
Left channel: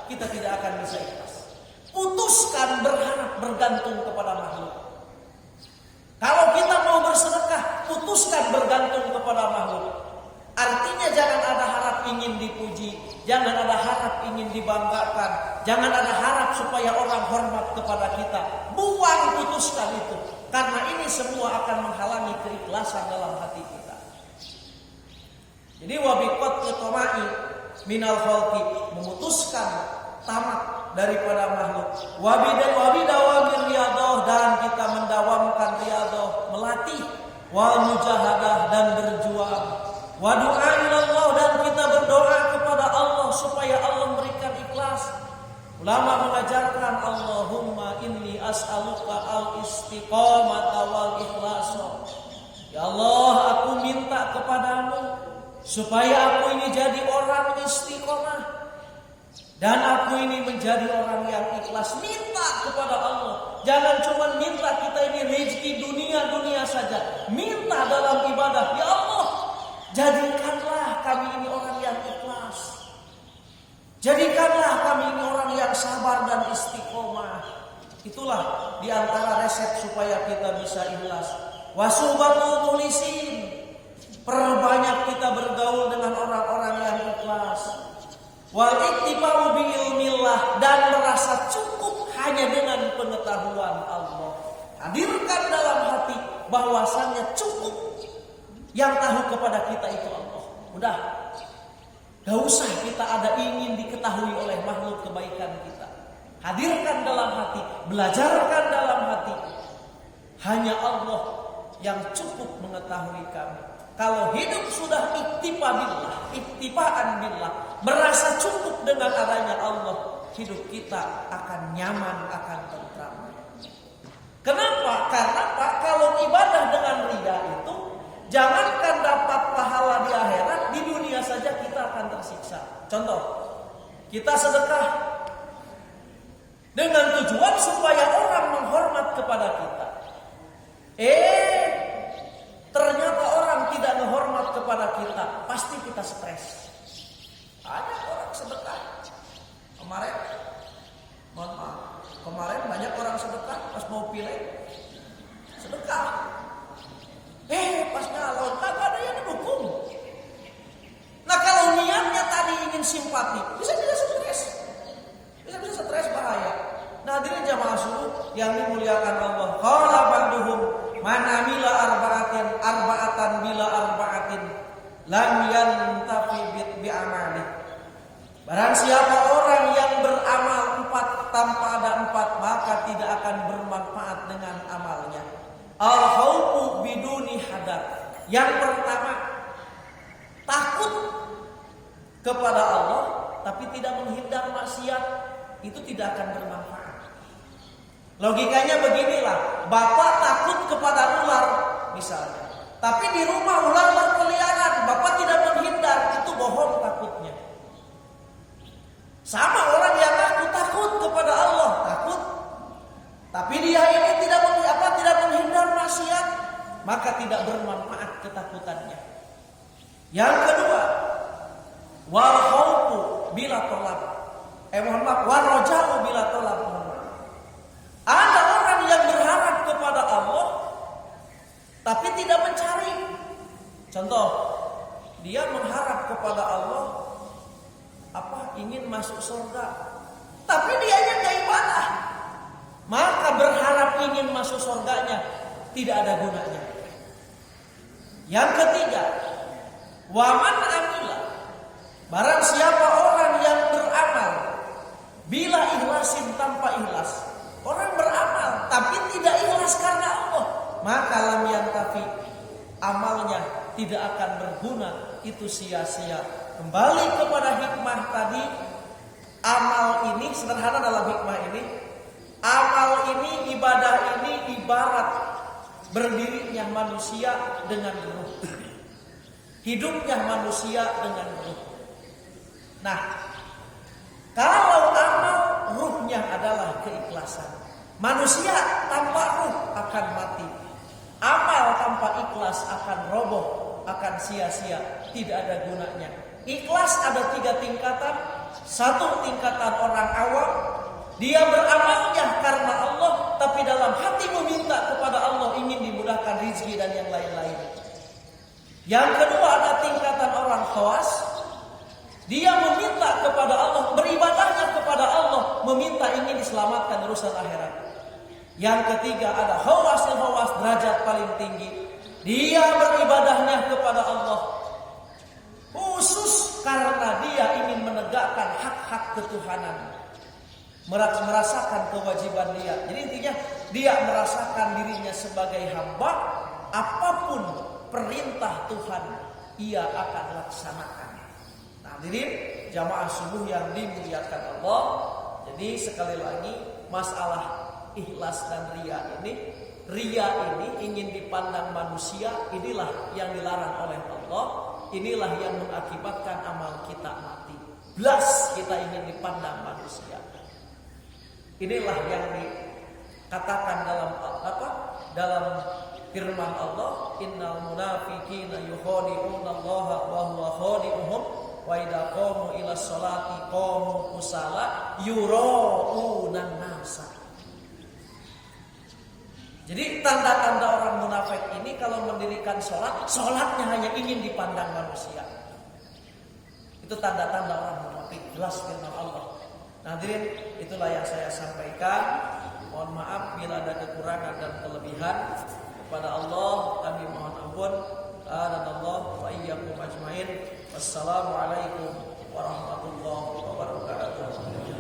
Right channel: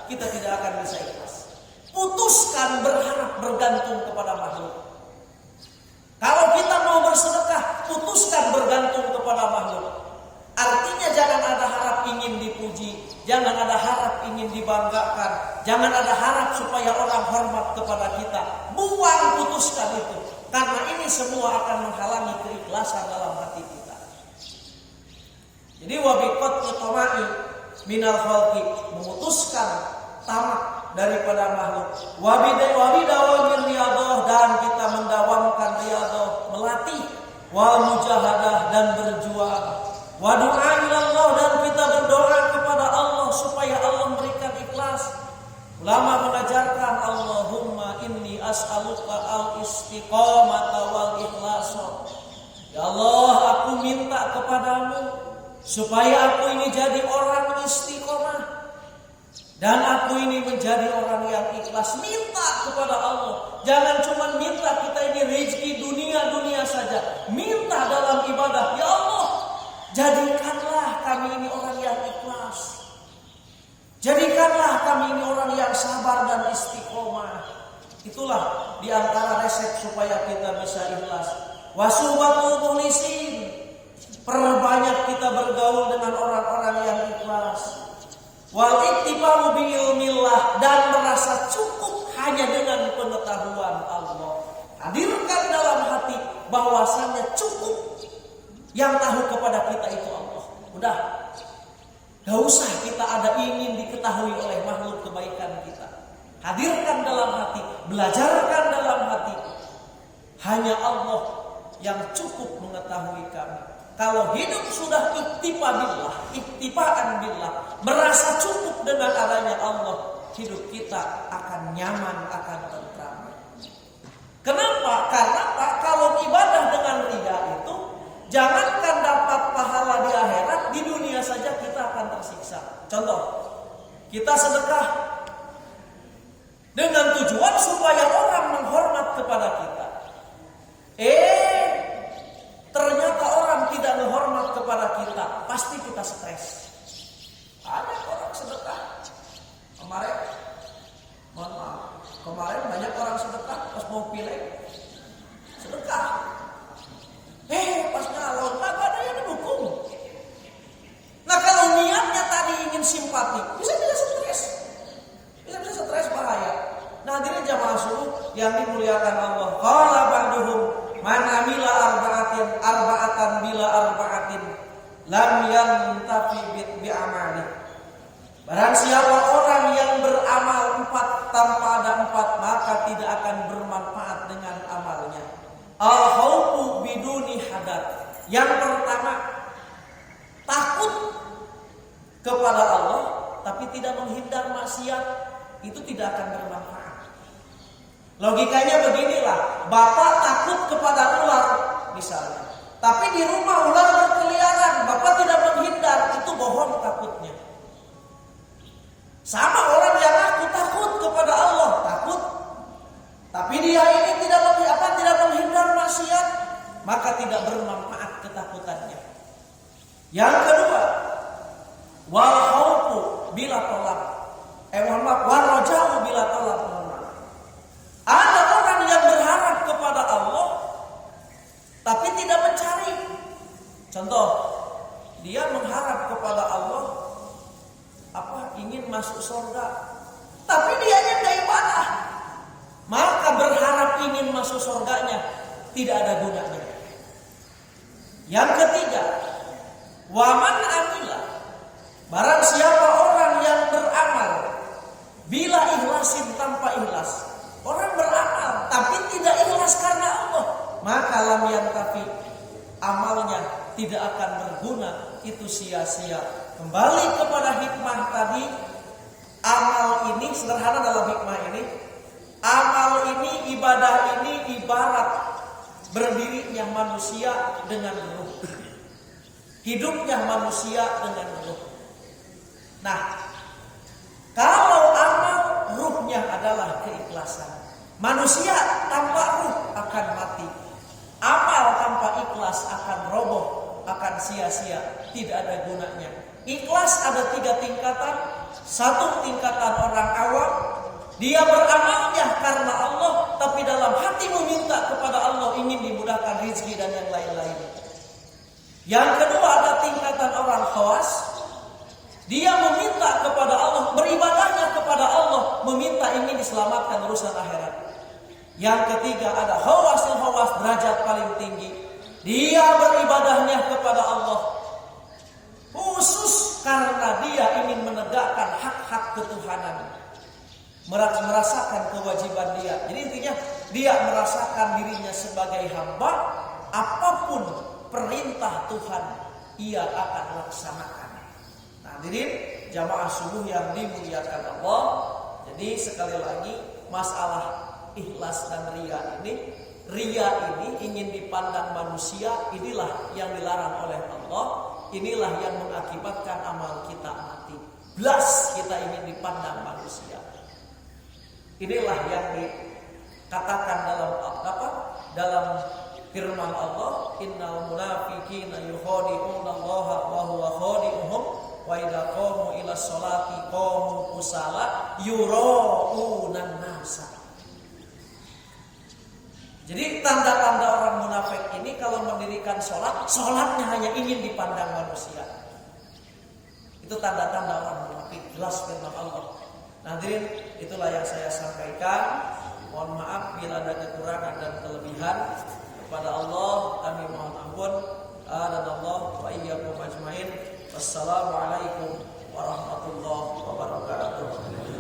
kita tidak akan bisa ikhlas. Putuskan berharap bergantung kepada makhluk. Kalau kita mau bersedekah, putuskan bergantung kepada makhluk. Artinya jangan ada harap ingin dipuji, jangan ada harap ingin dibanggakan, jangan ada harap supaya orang hormat kepada kita. Buang, putuskan itu. Karena ini semua akan menghalangi keikhlasan dalam hati kita. Jadi wabiqat yatamai minal khalqi, memutuskan tamak daripada makhluk. Wabidawamir riyadhah, dan kita mendawamkan riyadhah, melatih wal mujahadah dan berjuang. Wa du'a ilallah, dan kita berdoa kepada Allah supaya Allah memberikan ikhlas. Ulama mengajarkan Allahumma inni as'aluka al-istiqamata wal ikhlasa. Ya Allah, aku minta kepadamu supaya aku ini jadi orang istiqomah dan aku ini menjadi orang yang ikhlas. Minta kepada Allah. Jangan cuma minta kita ini rezeki dunia saja. Minta dalam ibadah. Ya Allah, jadikanlah kami ini orang yang ikhlas. Jadikanlah kami ini orang yang sabar dan istiqomah. Itulah diantara resep supaya kita bisa ikhlas. Wasubatul mukhlisin, perbanyak kita bergaul dengan orang-orang yang ikhlas. Wal iktibau bi ilmillah, dan merasa cukup hanya dengan pengetahuan Allah. Hadirkan dalam hati bahwasannya cukup, yang tahu kepada kita itu Allah. Udah, gak usah kita ada ingin diketahui oleh makhluk kebaikan kita. Hadirkan dalam hati, belajarkan dalam hati. Hanya Allah yang cukup mengetahui kami. Kalau hidup sudah iktipaan billah, merasa cukup dengan adanya Allah, hidup kita akan nyaman, akan tentram. Kenapa? Karena Pak, kalau ibadah dengan riya itu, jangankan dapat pahala di akhirat, di dunia saja kita akan tersiksa. Contoh, kita sedekah dengan tujuan supaya orang menghormat kepada kita. Ternyata orang tidak menghormat kepada kita, pasti kita stres. Banyak orang sedekah. Kemarin banyak orang sedekah pas mau pilih sedekah. Pas nyalon, kagak ada yang dukung. Nah, kalau niat simpati, bisa-bisa stres. Bisa-bisa stres bahaya. Nah, hadirin jamaah subuh yang dimuliakan Allah. Qala ba'duhum man amila arba'atan bila arba'atin lam yantafi bi amali. Barang siapa orang yang beramal 4 tanpa ada 4, maka tidak akan bermanfaat dengan amalnya. Al-khawfu biduni hadar. Yang pertama, takut kepada Allah tapi tidak menghindar maksiat, itu tidak akan bermanfaat. Logikanya beginilah, bapak takut kepada ular misalnya, tapi di rumah ular berkeliaran, bapak tidak menghindar, itu bohong takutnya. Sama orang yang aku takut kepada Allah, takut, tapi dia ini tidak menghindar maksiat, maka tidak bermanfaat ketakutannya. Yang kedua, wal khaufu bila tolab. Wal raja'u bila tolab. Ada orang yang berharap kepada Allah tapi tidak mencari. Contoh, dia mengharap kepada Allah ingin masuk surga, tapi dianya enggak ibadah. Maka berharap ingin masuk surganya tidak ada gunanya. Yang ketiga, waman amila. Barang siapa orang yang beramal bila ikhlasin tanpa ikhlas. Orang beramal tapi tidak ikhlas karena Allah, maka lam yantafi, amalnya tidak akan berguna, itu sia-sia. Kembali kepada hikmah tadi, amal ini sederhana dalam hikmah ini. Amal ini, ibadah ini ibarat berdirinya manusia dengan ruh, hidupnya manusia dengan ruh. Nah, kalau amal ruhnya adalah keikhlasan, manusia tanpa ruh akan mati. Amal tanpa ikhlas akan roboh, akan sia-sia, tidak ada gunanya. Ikhlas ada 3 tingkatan. 1 tingkatan orang awam, dia beramalnya karena Allah, tapi dalam hati meminta kepada Allah ingin dimudahkan rezeki dan yang lain-lain. Yang kedua ada tingkatan orang khawas, dia meminta kepada Allah, beribadahnya kepada Allah, meminta ingin diselamatkan urusan akhirat. Yang ketiga ada khawas derajat paling tinggi, dia beribadahnya kepada Allah khusus karena dia ingin menegakkan hak-hak ketuhanan, merasakan kewajiban dia. Jadi intinya dia merasakan dirinya sebagai hamba, apapun perintah Tuhan ia akan laksanakan. Nah, hadirin jamaah subuh yang dimuliakan Allah. Jadi sekali lagi masalah ikhlas dan ria ini ingin dipandang manusia, inilah yang dilarang oleh Allah. Inilah yang mengakibatkan amal kita mati. Belas kita ingin dipandang manusia. Inilah yang dikatakan dalam firman Allah, innal munafiqina yukhadi'una Allah wa huwa khadi'uhum wa idza qamu ila sholati qamu kusala yura'unan nasa. Jadi tanda-tanda orang munafik ini kalau mendirikan sholatnya hanya ingin dipandang manusia. Itu tanda-tanda orang munafik, jelas firman Allah. Nah, hadirin, itulah yang saya sampaikan. Mohon maaf bila ada kekurangan dan kelebihan. Kepada Allah kami mohon ampun. Dan Allah wa iyyakum ajmain. Wassalamualaikum warahmatullahi